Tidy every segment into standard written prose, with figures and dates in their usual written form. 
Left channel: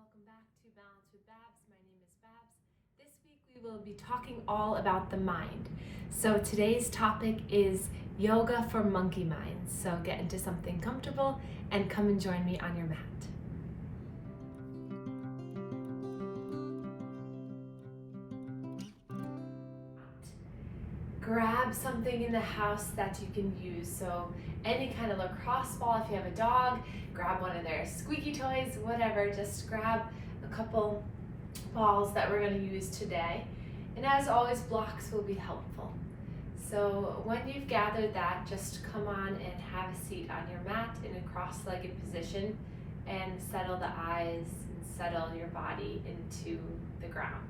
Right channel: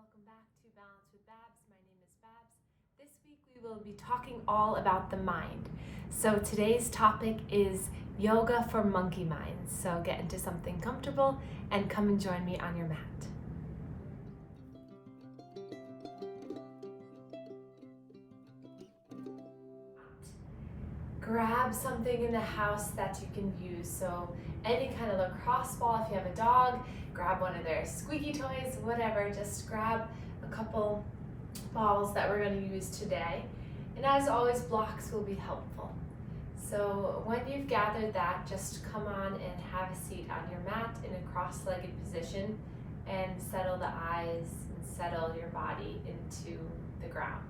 welcome back to Balance with Babz. My name is Babz. This week we will be talking all about the mind. So today's topic is yoga for monkey minds. So get into something comfortable and come and join me on your mat. Grab something in the house that you can use. So any kind of lacrosse ball, if you have a dog, grab one of their squeaky toys, whatever. Just grab a couple balls that we're going to use today. And as always, blocks will be helpful. So when you've gathered that, just come on and have a seat on your mat in a cross-legged position and settle the eyes and settle your body into the ground.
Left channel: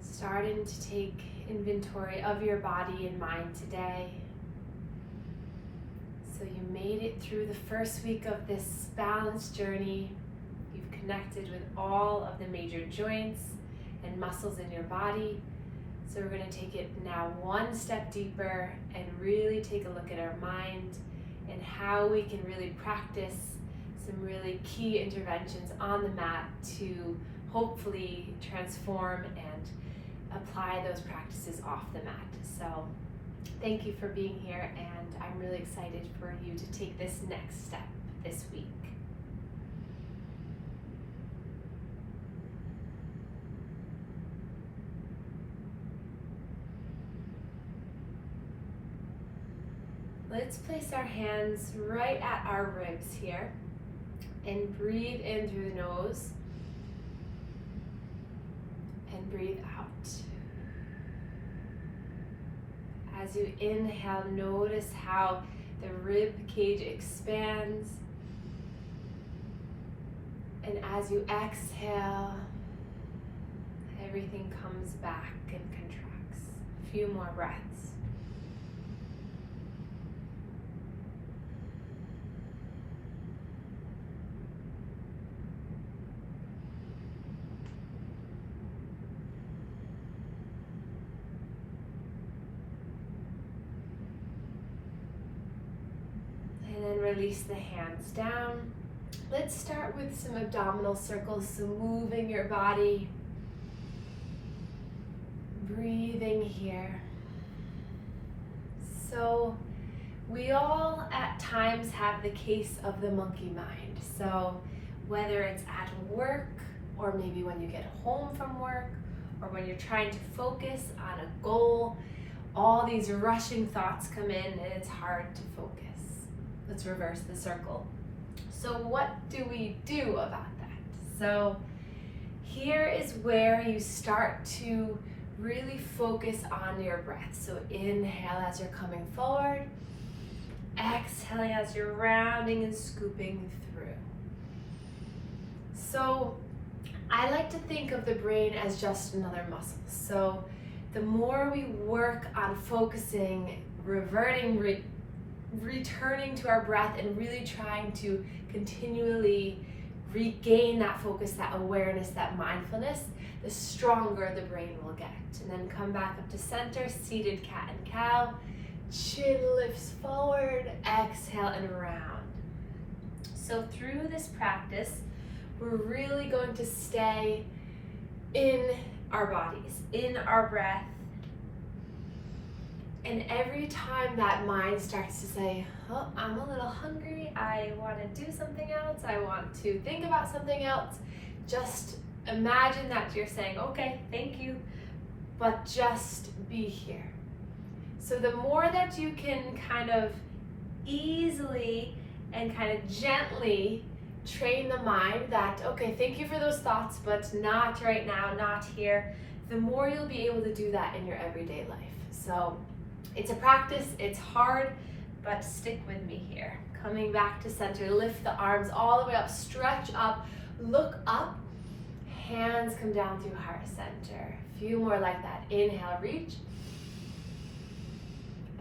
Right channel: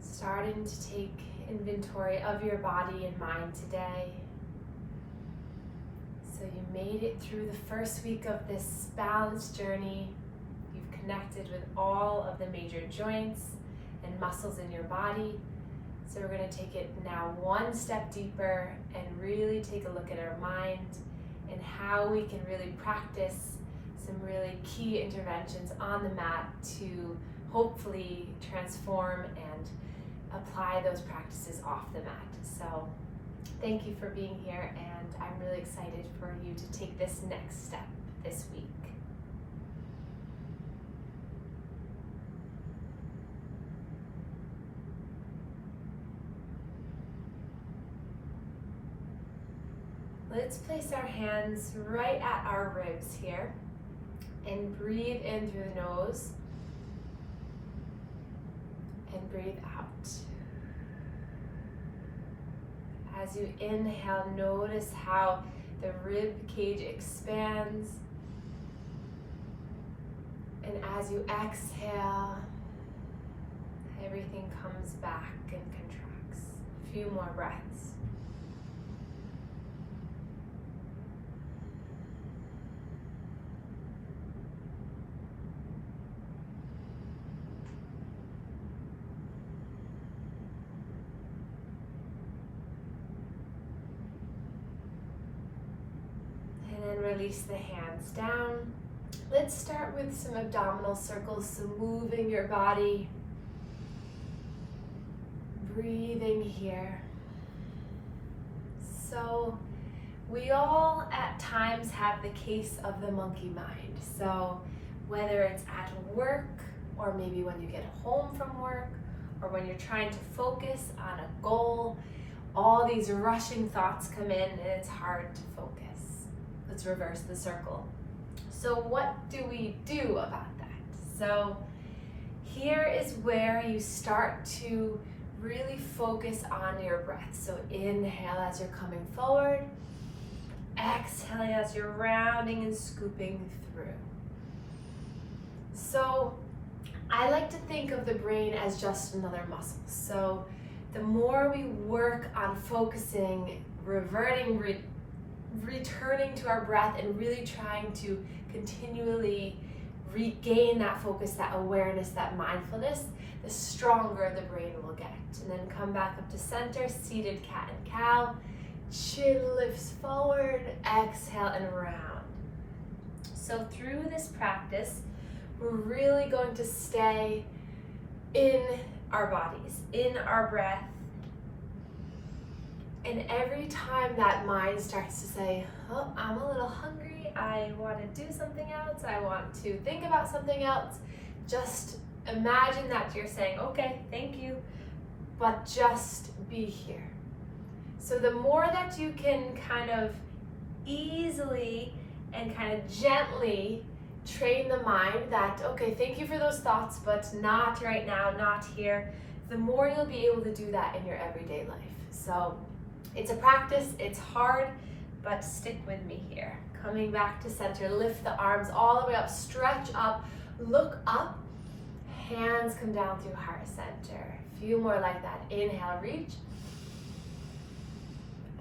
Starting to take inventory of your body and mind today. So you made it through the first week of this balance journey. You've connected with all of the major joints and muscles in your body. So we're going to take it now one step deeper and really take a look at our mind and how we can really practice some really key interventions on the mat to hopefully transform and apply those practices off the mat. So thank you for being here, and I'm really excited for you to take this next step this week. Let's place our hands right at our ribs here and breathe in through the nose and breathe out. As you inhale, notice how the rib cage expands. And as you exhale, everything comes back and contracts. A few more breaths. Release the hands down. Let's start with some abdominal circles, so moving your body, breathing here. So we all at times have the case of the monkey mind. So whether it's at work, or maybe when you get home from work, or when you're trying to focus on a goal, all these rushing thoughts come in and it's hard to focus. Let's reverse the circle. So what do we do about that? So here is where you start to really focus on your breath. So inhale as you're coming forward. Exhale as you're rounding and scooping through. So I like to think of the brain as just another muscle. So the more we work on focusing, returning to our breath and really trying to continually regain that focus, that awareness, that mindfulness, the stronger the brain will get. And then come back up to center, seated cat and cow. Chin lifts forward, exhale and round. So through this practice, we're really going to stay in our bodies, in our breath. And every time that mind starts to say, oh, I'm a little hungry, I want to do something else, I want to think about something else, just imagine that you're saying, okay, thank you, but just be here. So the more that you can kind of easily and kind of gently train the mind that, okay, thank you for those thoughts, but not right now, not here, the more you'll be able to do that in your everyday life. So it's a practice, it's hard, but stick with me here. Coming back to center, lift the arms all the way up, stretch up, look up, hands come down through heart center. A few more like that. Inhale, reach,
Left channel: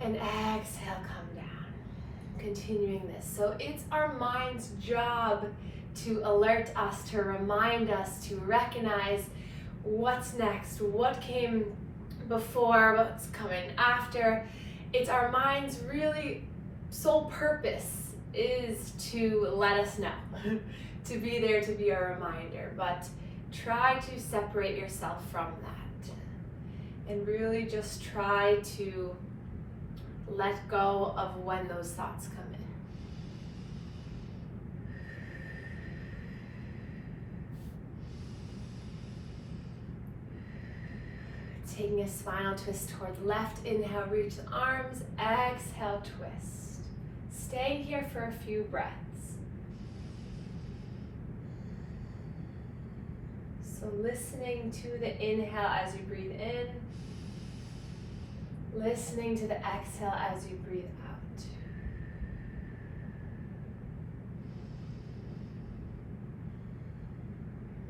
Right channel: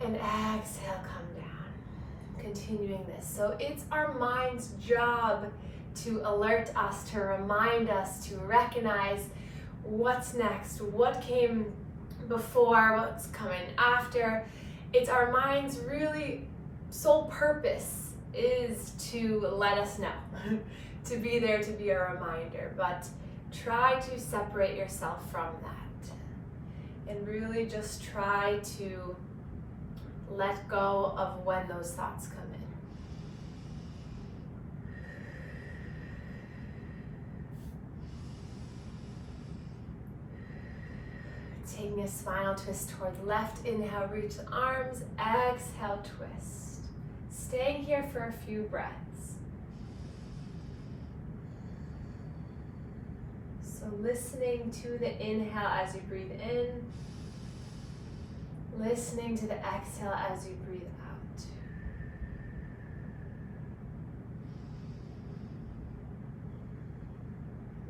and exhale, come down. Continuing this. So it's our mind's job to alert us, to remind us, to recognize what's next, what came before, what's coming after. It's our mind's really sole purpose is to let us know, to be there, to be a reminder. But try to separate yourself from that and really just try to let go of when those thoughts come in. Taking a spinal twist towards left. Inhale, reach the arms. Exhale, twist. Staying here for a few breaths. So listening to the inhale as you breathe in. Listening to the exhale as you breathe out.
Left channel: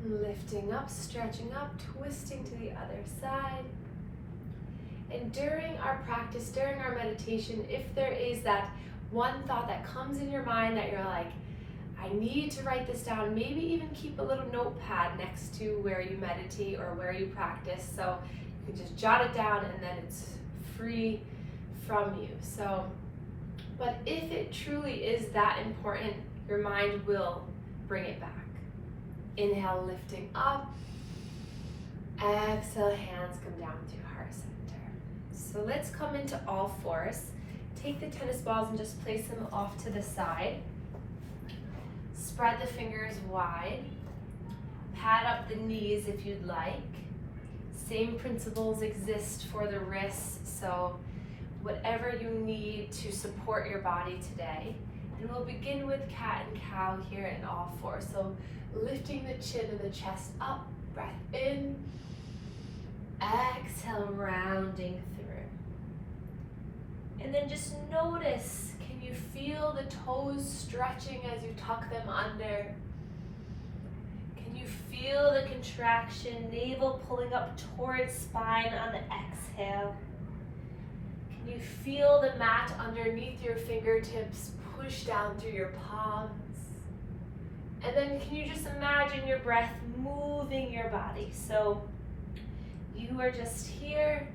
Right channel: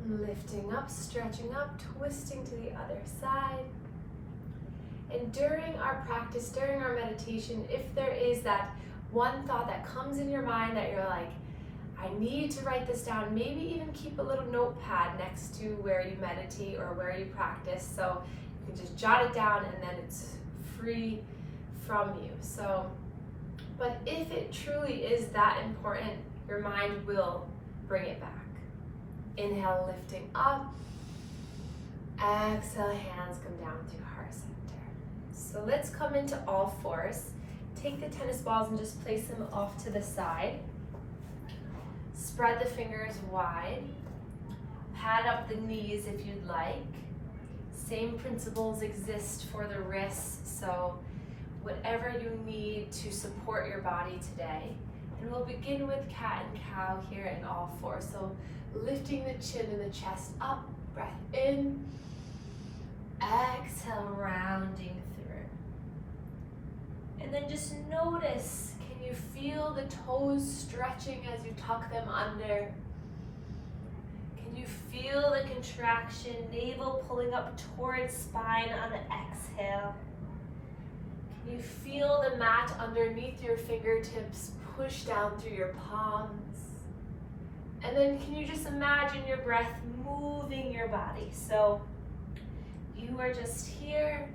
Lifting up, stretching up, twisting to the other side. And during our practice, during our meditation, if there is that one thought that comes in your mind that you're like, I need to write this down, maybe even keep a little notepad next to where you meditate or where you practice, so you can just jot it down and then it's free from you. So, but if it truly is that important, your mind will bring it back. Inhale, lifting up. Exhale, hands come down to heart center. So let's come into all fours. Take the tennis balls and just place them off to the side. Spread the fingers wide. Pad up the knees if you'd like. Same principles exist for the wrists, so whatever you need to support your body today. And we'll begin with cat and cow here in all fours. So lifting the chin and the chest up, breath in, exhale, rounding through. And then just notice, can you feel the toes stretching as you tuck them under? Can you feel the contraction, navel pulling up towards spine on the exhale? Can you feel the mat underneath your fingertips push down through your palms? And then can you just imagine your breath moving your body? So you are just here,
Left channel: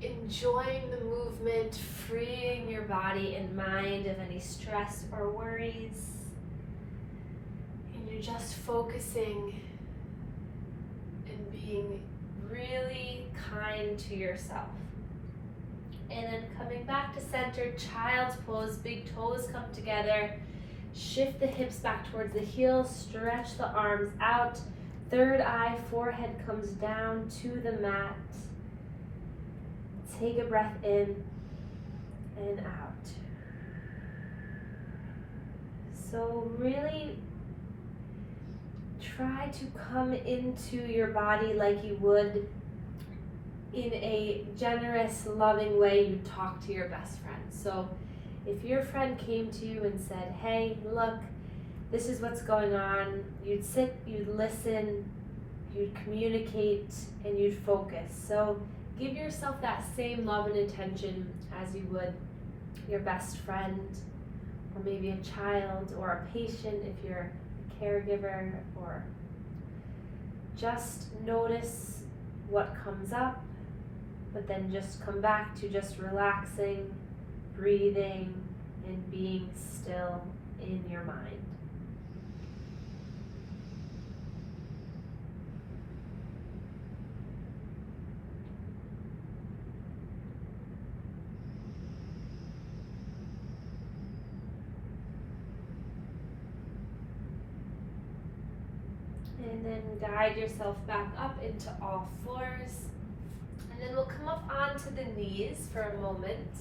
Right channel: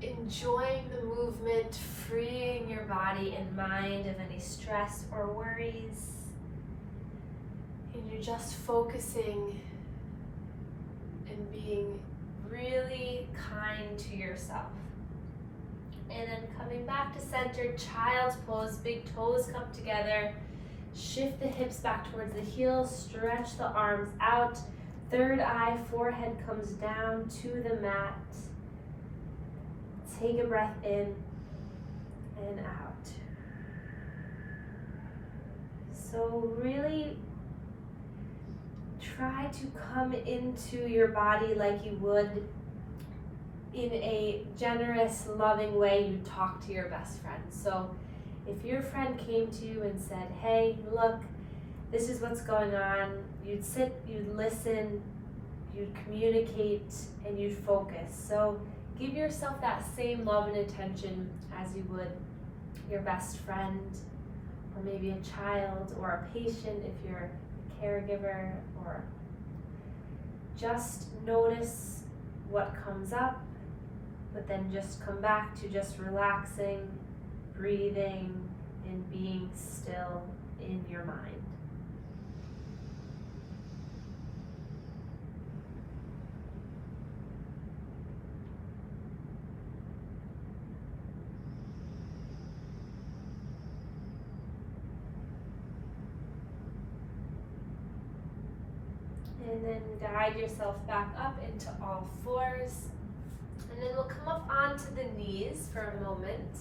enjoying the movement, freeing your body and mind of any stress or worries. And you're just focusing and being really kind to yourself. And then coming back to center, child's pose, big toes come together. Shift the hips back towards the heels, stretch the arms out. Third eye, forehead comes down to the mat. Take a breath in and out. So really try to come into your body like you would in a generous, loving way you talk to your best friend. So if your friend came to you and said, hey, look, this is what's going on, you'd sit, you'd listen, you'd communicate, and you'd focus. So give yourself that same love and attention as you would your best friend, or maybe a child, or a patient if you're a caregiver, or just notice what comes up, but then just come back to just relaxing, breathing, and being still in your mind. And then guide yourself back up into all fours. And then we'll come up onto the knees for a moment.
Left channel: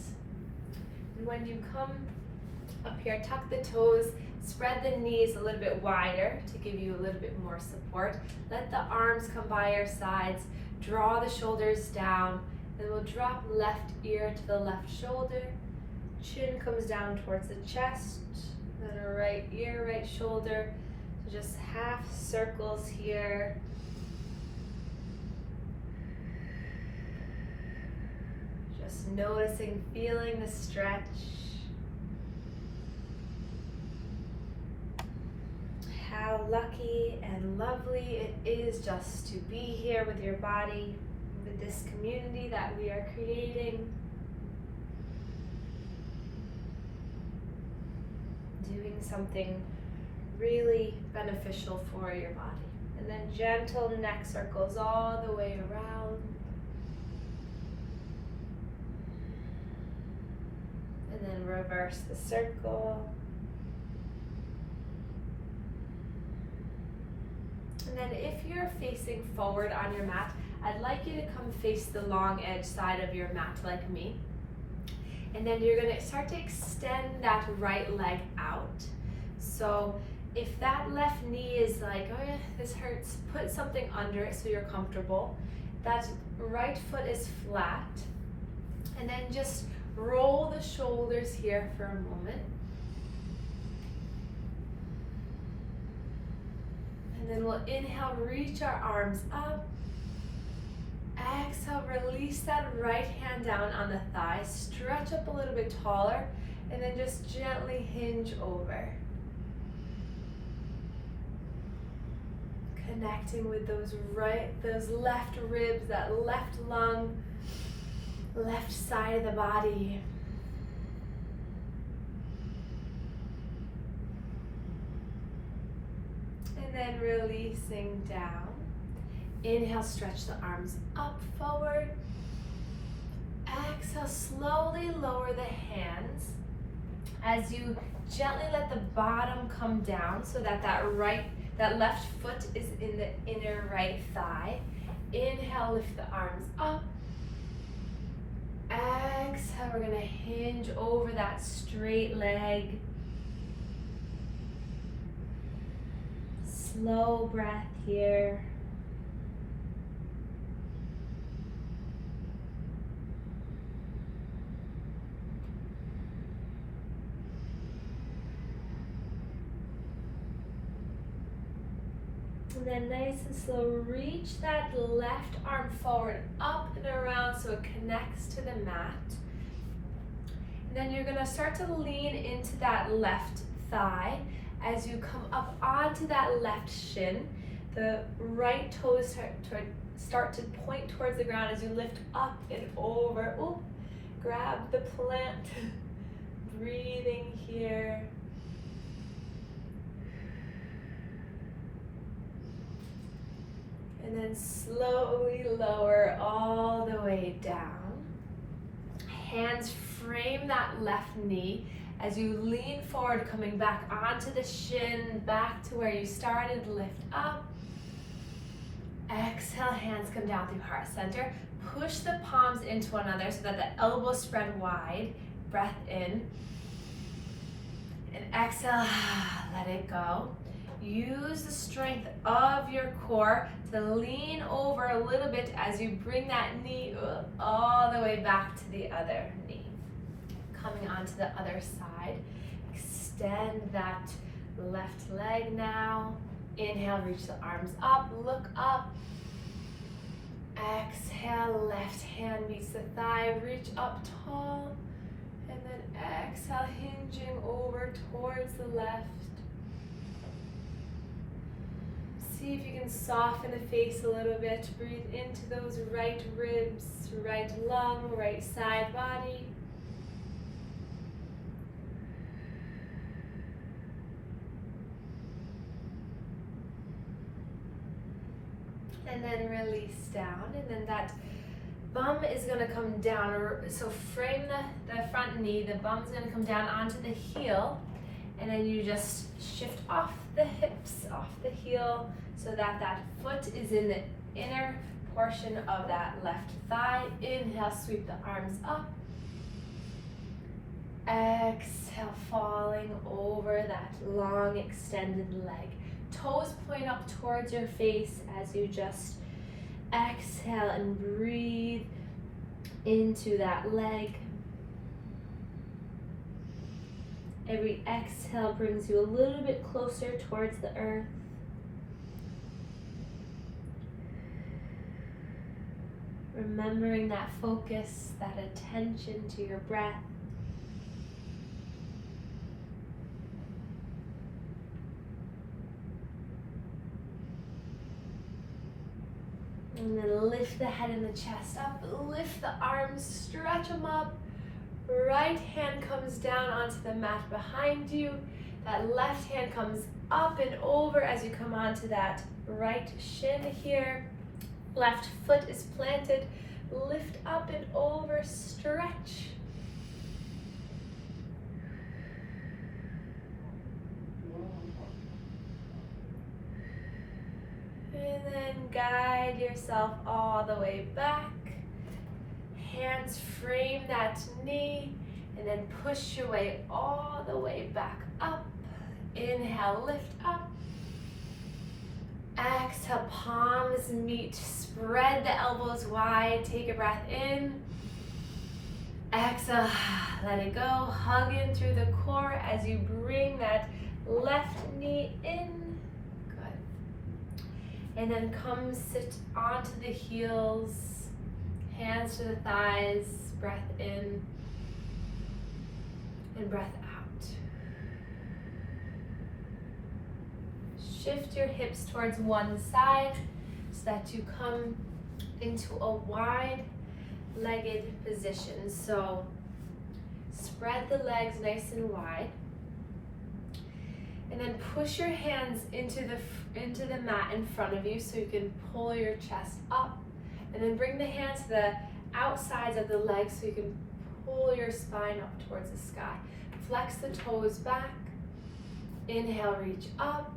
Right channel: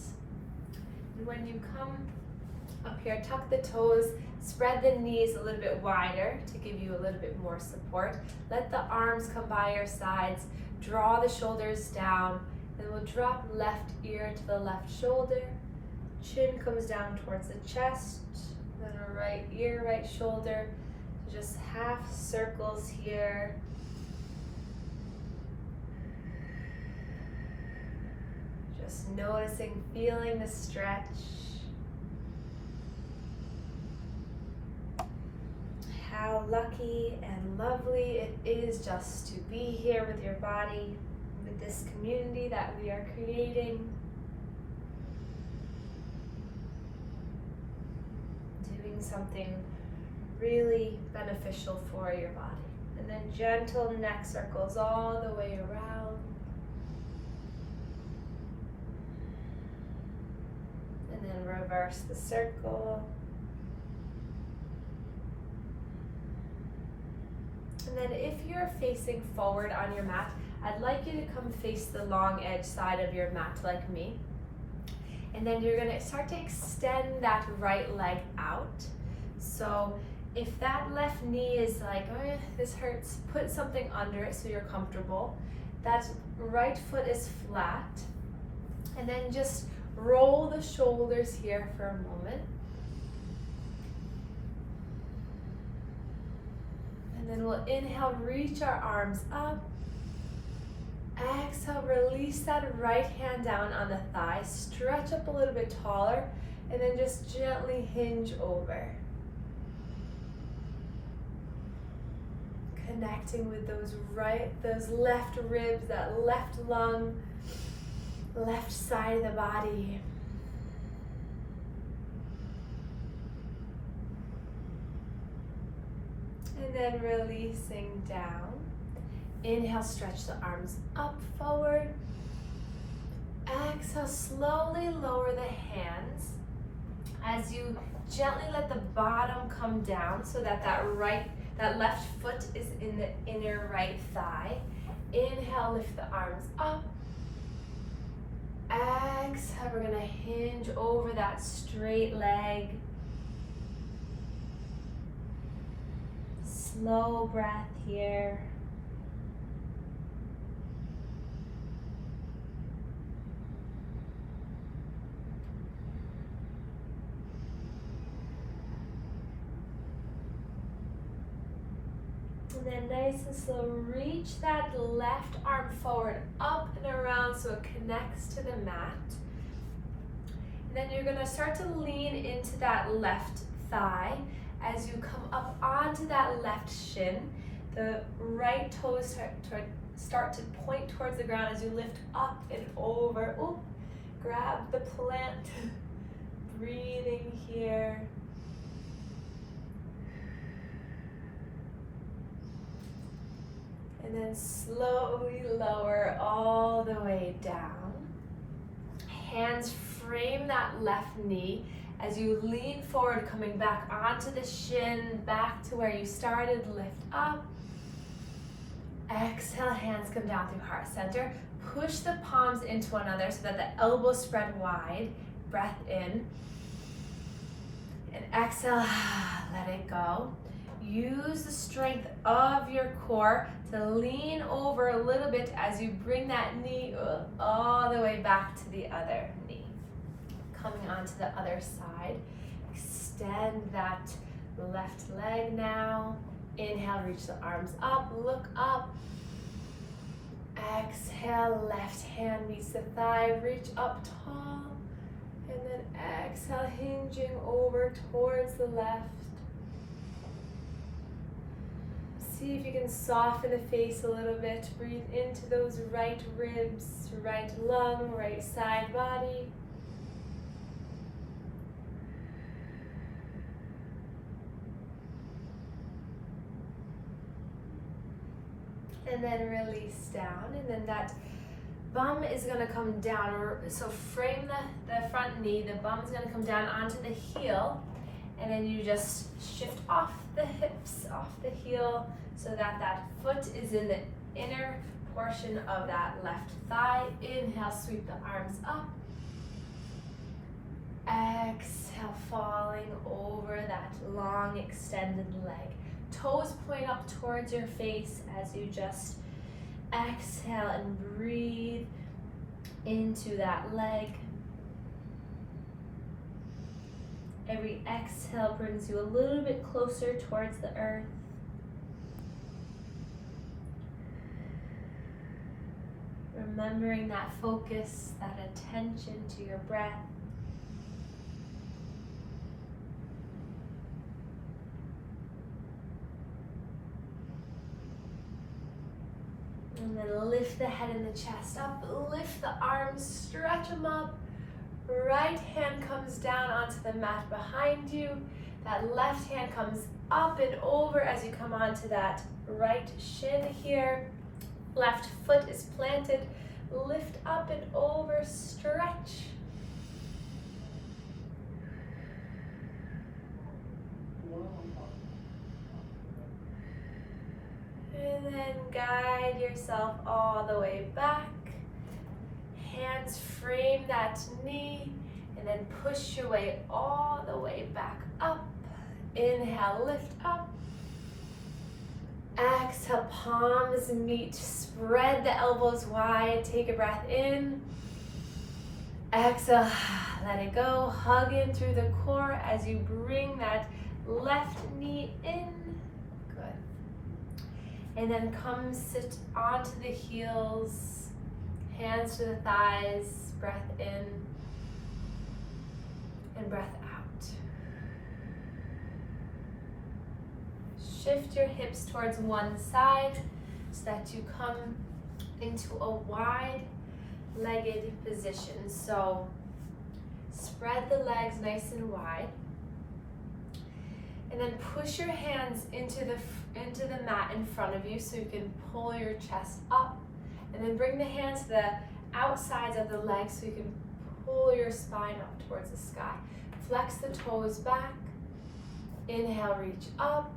And when you come up here, tuck the toes, spread the knees a little bit wider to give you a little bit more support. Let the arms come by your sides, draw the shoulders down, then we'll drop left ear to the left shoulder. Chin comes down towards the chest, then a right ear, right shoulder. Just half circles here. Just noticing, feeling the stretch. How lucky and lovely it is just to be here with your body, with this community that we are creating. Doing something really beneficial for your body. And then gentle neck circles all the way around. And then reverse the circle. And then if you're facing forward on your mat, I'd like you to come face the long edge side of your mat like me. And then you're gonna start to extend that right leg out. So if that left knee is like, oh yeah, this hurts, put something under it so you're comfortable. That right foot is flat. And then just roll the shoulders here for a moment. And then we'll inhale, reach our arms up. Exhale, release that right hand down on the thigh. Stretch up a little bit taller. And then just gently hinge over. Connecting with those left ribs, that left lung, left side of the body. And then releasing down. Inhale, stretch the arms up, forward. Exhale, slowly lower the hands as you gently let the bottom come down so that that left foot is in the inner right thigh. Inhale, lift the arms up. Exhale, we're gonna hinge over that straight leg. Slow breath here. And then nice and slow, reach that left arm forward, up and around so it connects to the mat. And then you're gonna start to lean into that left thigh as you come up onto that left shin. The right toes start to point towards the ground as you lift up and over. Oh, grab the plant. Breathing here. And then slowly lower all the way down. Hands frame that left knee as you lean forward, coming back onto the shin, back to where you started, lift up. Exhale, hands come down through heart center. Push the palms into one another so that the elbows spread wide. Breath in. And exhale, let it go. Use the strength of your core to lean over a little bit as you bring that knee all the way back to the other knee. Coming onto the other side, extend that left leg now. Inhale, reach the arms up, look up. Exhale, left hand meets the thigh, reach up tall. And then exhale, hinging over towards the left. See if you can soften the face a little bit. Breathe into those right ribs, right lung, right side body. And then release down, and then that bum is going to come down. So frame the front knee, the bum is going to come down onto the heel, and then you just shift off the hips, off the heel, so that that foot is in the inner portion of that left thigh. Inhale, sweep the arms up. Exhale, falling over that long extended leg. Toes point up towards your face as you just exhale and breathe into that leg. Every exhale brings you a little bit closer towards the earth. Remembering that focus, that attention to your breath. And then lift the head and the chest up, lift the arms, stretch them up. Right hand comes down onto the mat behind you. That left hand comes up and over as you come onto that right shin here. Left foot is planted. Lift up and over, stretch. And then guide yourself all the way back. Hands frame that knee, and then push your way all the way back up. Inhale, lift up. Exhale, palms meet. Spread the elbows wide. Take a breath in. Exhale, let it go. Hug in through the core as you bring that left knee in. Good. And then come sit onto the heels. Hands to the thighs, breath in and breath out. Shift your hips towards one side so that you come into a wide-legged position. So spread the legs nice and wide. And then push your hands into the mat in front of you so you can pull your chest up. And then bring the hands to the outsides of the legs so you can pull your spine up towards the sky. Flex the toes back. Inhale, reach up.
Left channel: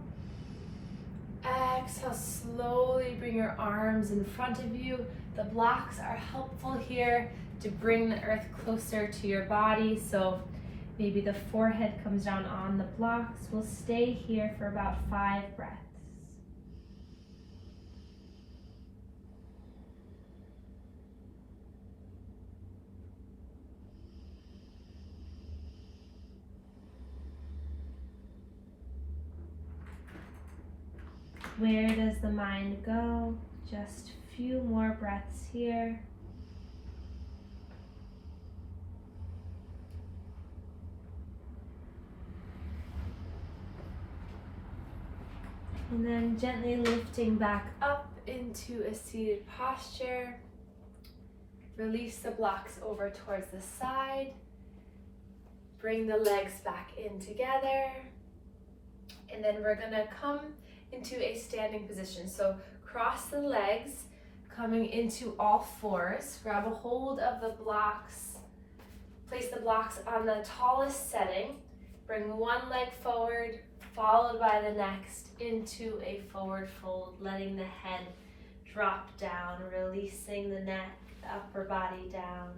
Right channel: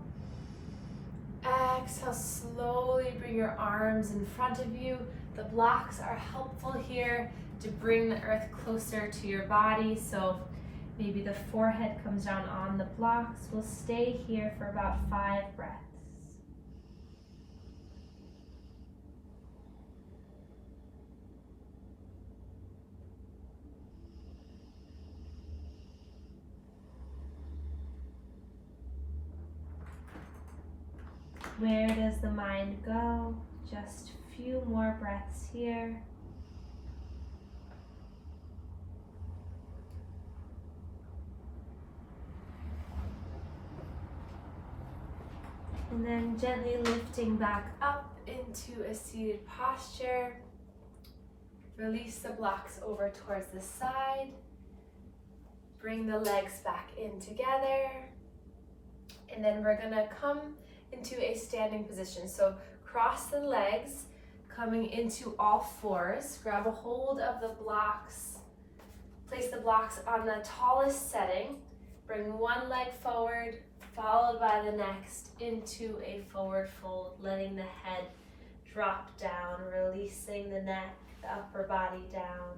Exhale, slowly bring your arms in front of you. The blocks are helpful here to bring the earth closer to your body. So maybe the forehead comes down on the blocks. We'll stay here for about 5 breaths. Where does the mind go? Just a few more breaths here. And then gently lifting back up into a seated posture. Release the blocks over towards the side. Bring the legs back in together. And then we're gonna come into a standing position. So cross the legs, coming into all fours. Grab a hold of the blocks. Place the blocks on the tallest setting. Bring one leg forward, followed by the next into a forward fold, letting the head drop down, releasing the neck, the upper body down.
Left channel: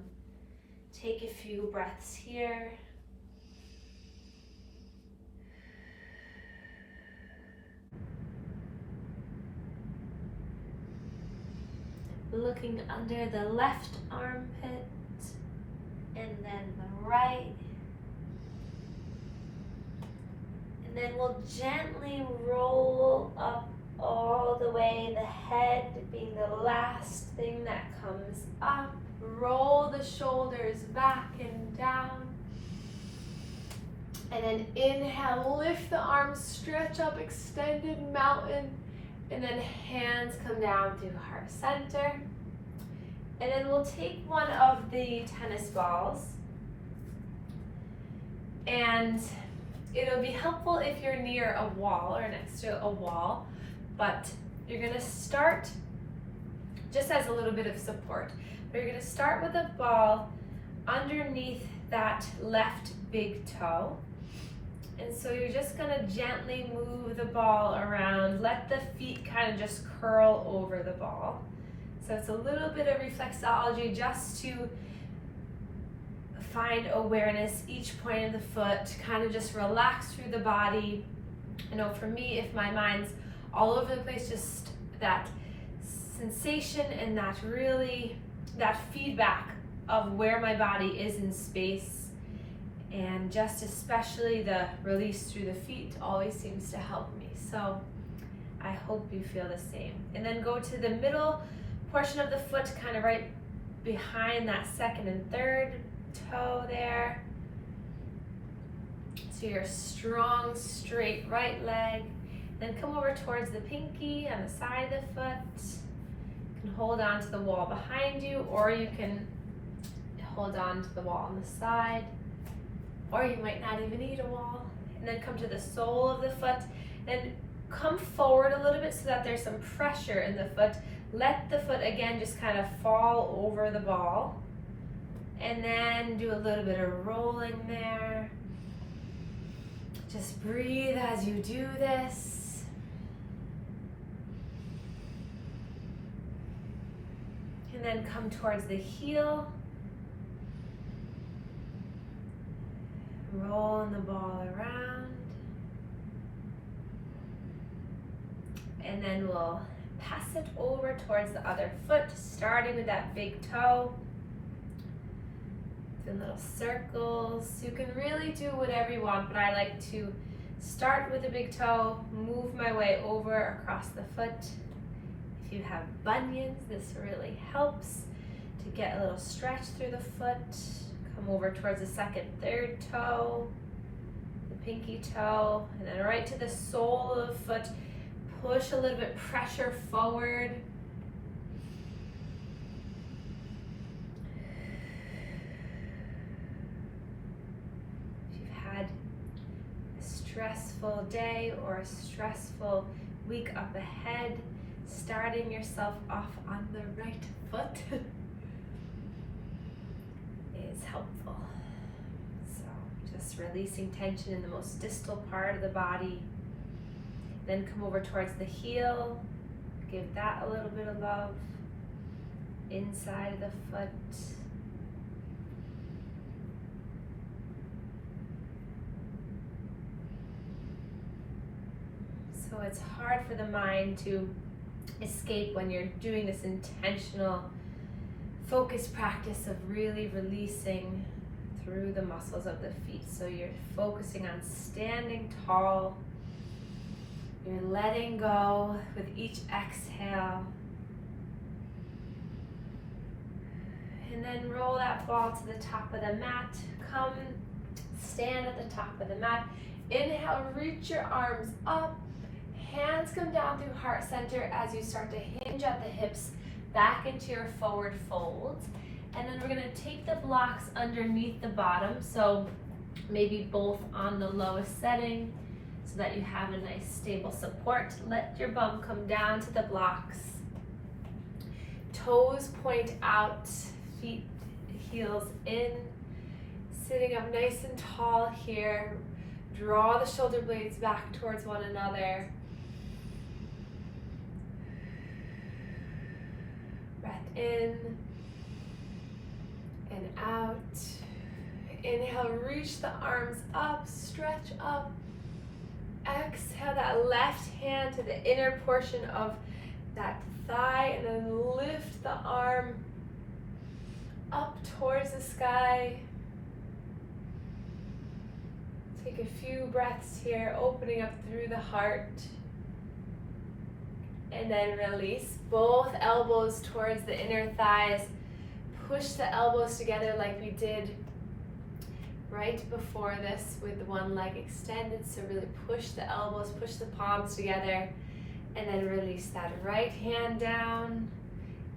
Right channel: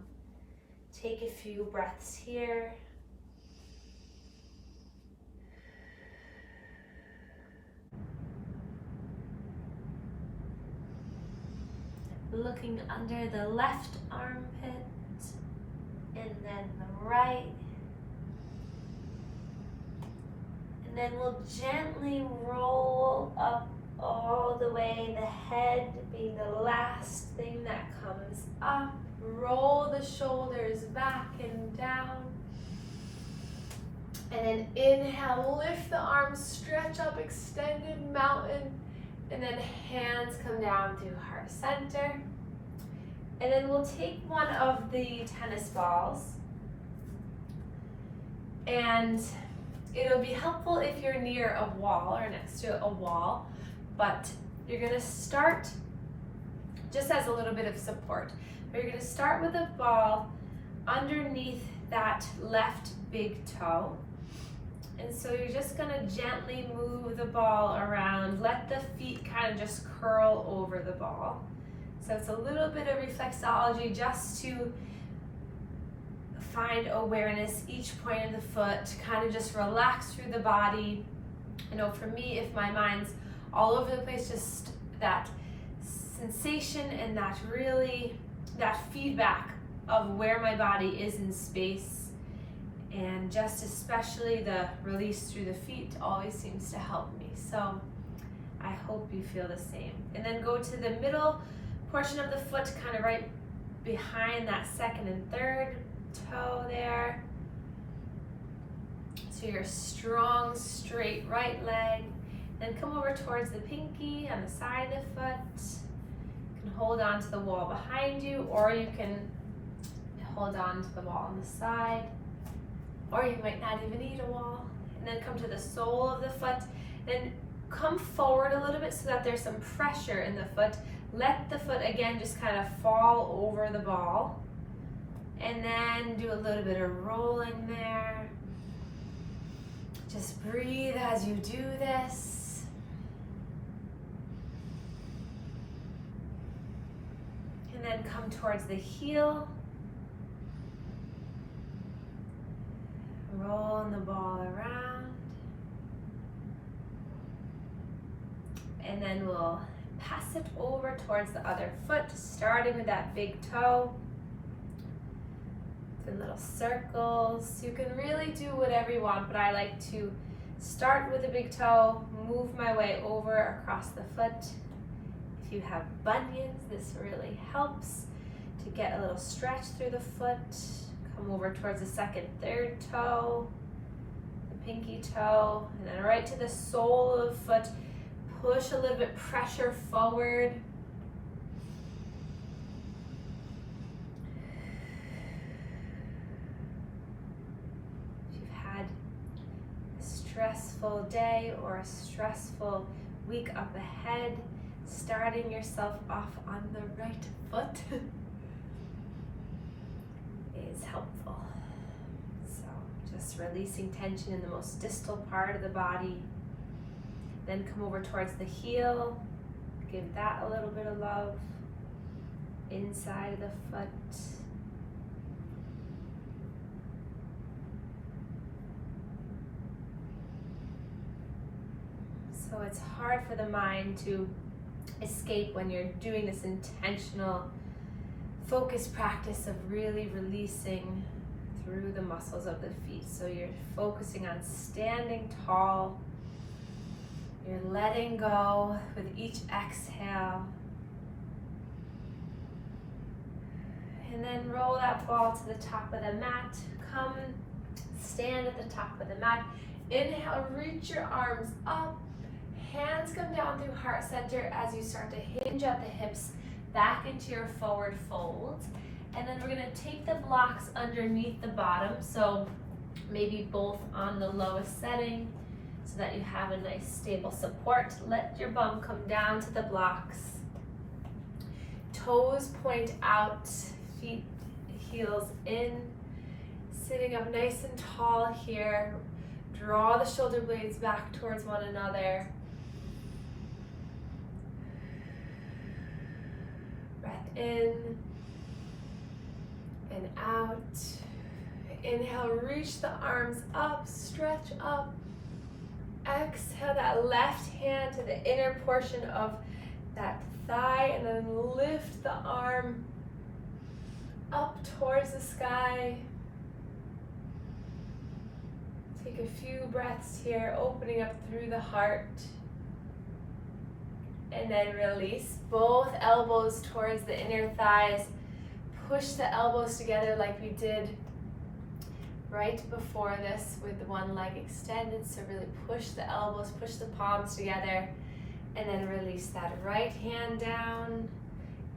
Take a few breaths here. Looking under the left armpit and then the right. And then we'll gently roll up all the way, the head being the last thing that comes up. Roll the shoulders back and down. And then inhale, lift the arms, stretch up, extended mountain. And then hands come down to heart center. And then we'll take one of the tennis balls. And it'll be helpful if you're near a wall or next to a wall. But you're gonna start just as a little bit of support. But you're gonna start with a ball underneath that left big toe. And so you're just gonna gently move the ball around. Let the feet kind of just curl over the ball. So it's a little bit of reflexology just to find awareness each point of the foot, kind of just relax through the body. I know for me, if my mind's all over the place, just that sensation and that feedback of where my body is in space. And just especially the release through the feet always seems to help me. So I hope you feel the same. And then go to the middle portion of the foot, kind of right behind that second and third toe there. So your strong, straight right leg. Then come over towards the pinky on the side of the foot. can hold on to the wall behind you, or you can hold on to the wall on the side, or you might not even need a wall. And then come to the sole of the foot and come forward a little bit so that there's some pressure in the foot. Let the foot again just kind of fall over the ball. And then do a little bit of rolling there. Just breathe as you do this. And then come towards the heel. Rolling the ball around. And then we'll pass it over towards the other foot, starting with that big toe. In little circles. You can really do whatever you want, but I like to start with the big toe, move my way over across the foot. If you have bunions, this really helps to get a little stretch through the foot. Come over towards the second, third toe, the pinky toe, and then right to the sole of the foot. Push a little bit, pressure forward. Stressful day or a stressful week up ahead, starting yourself off on the right foot is helpful. So just releasing tension in the most distal part of the body. Then come over towards the heel, give that a little bit of love, inside of the foot. So it's hard for the mind to escape when you're doing this intentional focused practice of really releasing through the muscles of the feet. So you're focusing on standing tall. You're letting go with each exhale. And then roll that ball to the top of the mat. Come stand at the top of the mat. Inhale, reach your arms up. Hands come down through heart center as you start to hinge at the hips back into your forward folds. And then we're going to take the blocks underneath the bottom, so maybe both on the lowest setting so that you have a nice stable support. Let your bum come down to the blocks. Toes point out, feet, heels in. Sitting up nice and tall here. Draw the shoulder blades back towards one another. Breath in and out. Inhale, reach the arms up, stretch up. Exhale that left hand to the inner portion of that thigh and then lift the arm up towards the sky. Take a few breaths here, opening up through the heart. And then release both elbows towards the inner thighs. Push the elbows together like we did right before this with one leg extended. So really push the elbows, push the palms together, and then release that right hand down.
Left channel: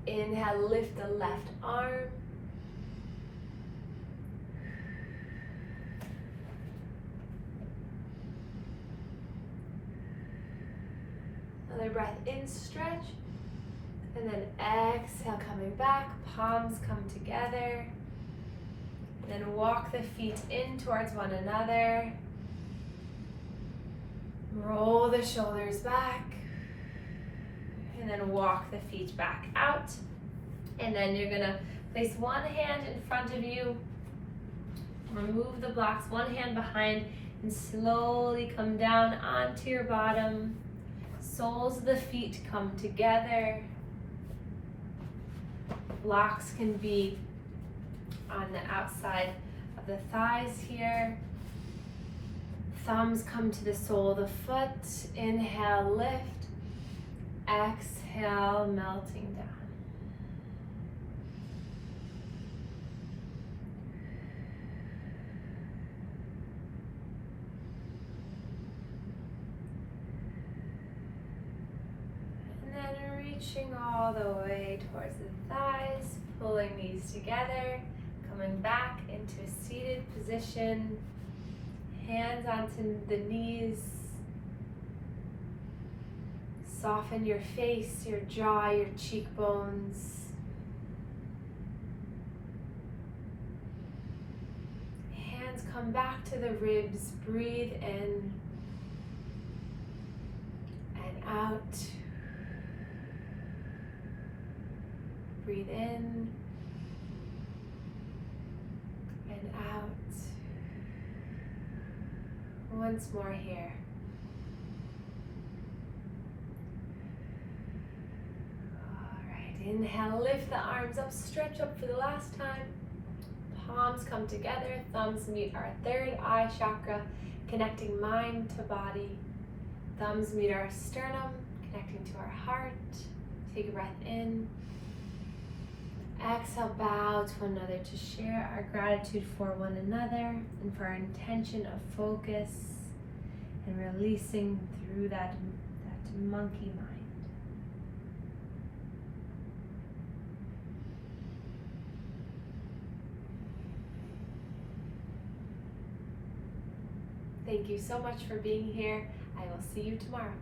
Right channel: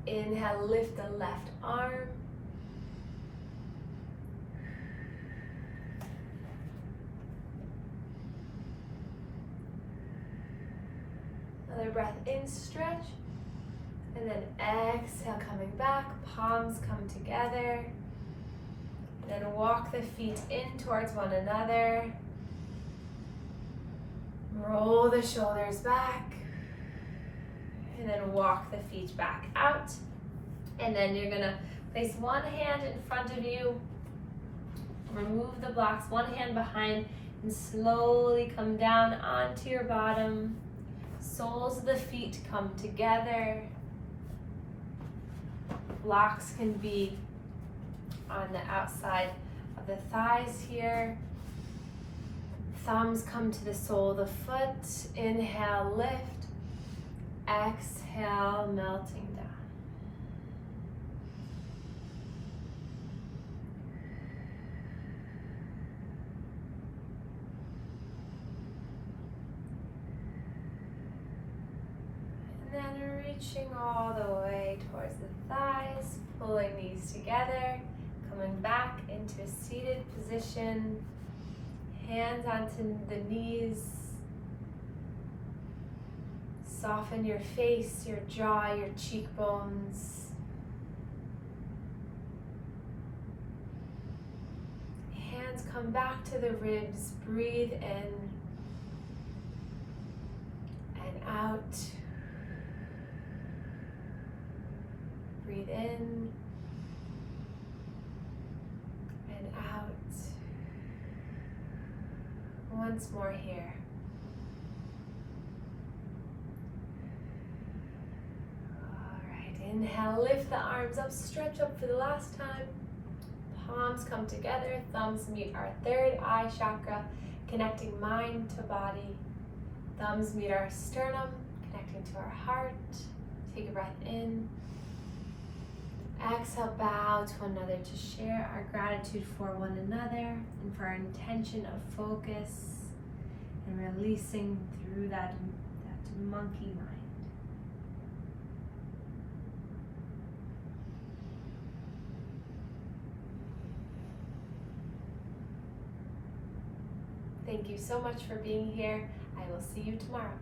Inhale, lift the left arm. Another breath in, stretch, and then exhale, coming back, palms come together. And then walk the feet in towards one another. Roll the shoulders back. And then walk the feet back out. And then you're gonna place one hand in front of you. Remove the blocks, one hand behind, and slowly come down onto your bottom. Soles of the feet come together. Blocks can be on the outside of the thighs here. Thumbs come to the sole of the foot. Inhale, lift. Exhale, melting down. reaching all the way towards the thighs, pulling these together, coming back into a seated position, hands onto the knees. Soften your face, your jaw, your cheekbones. Hands come back to the ribs. Breathe in and out. Breathe in and out. Once more here. Inhale, lift the arms up, stretch up for the last time. Palms come together, thumbs meet our third eye chakra, connecting mind to body. Thumbs meet our sternum, connecting to our heart. Take a breath in. Exhale, bow to one another to share our gratitude for one another and for our intention of focus and releasing through that monkey mind. Thank you so much for being here. I will see you tomorrow.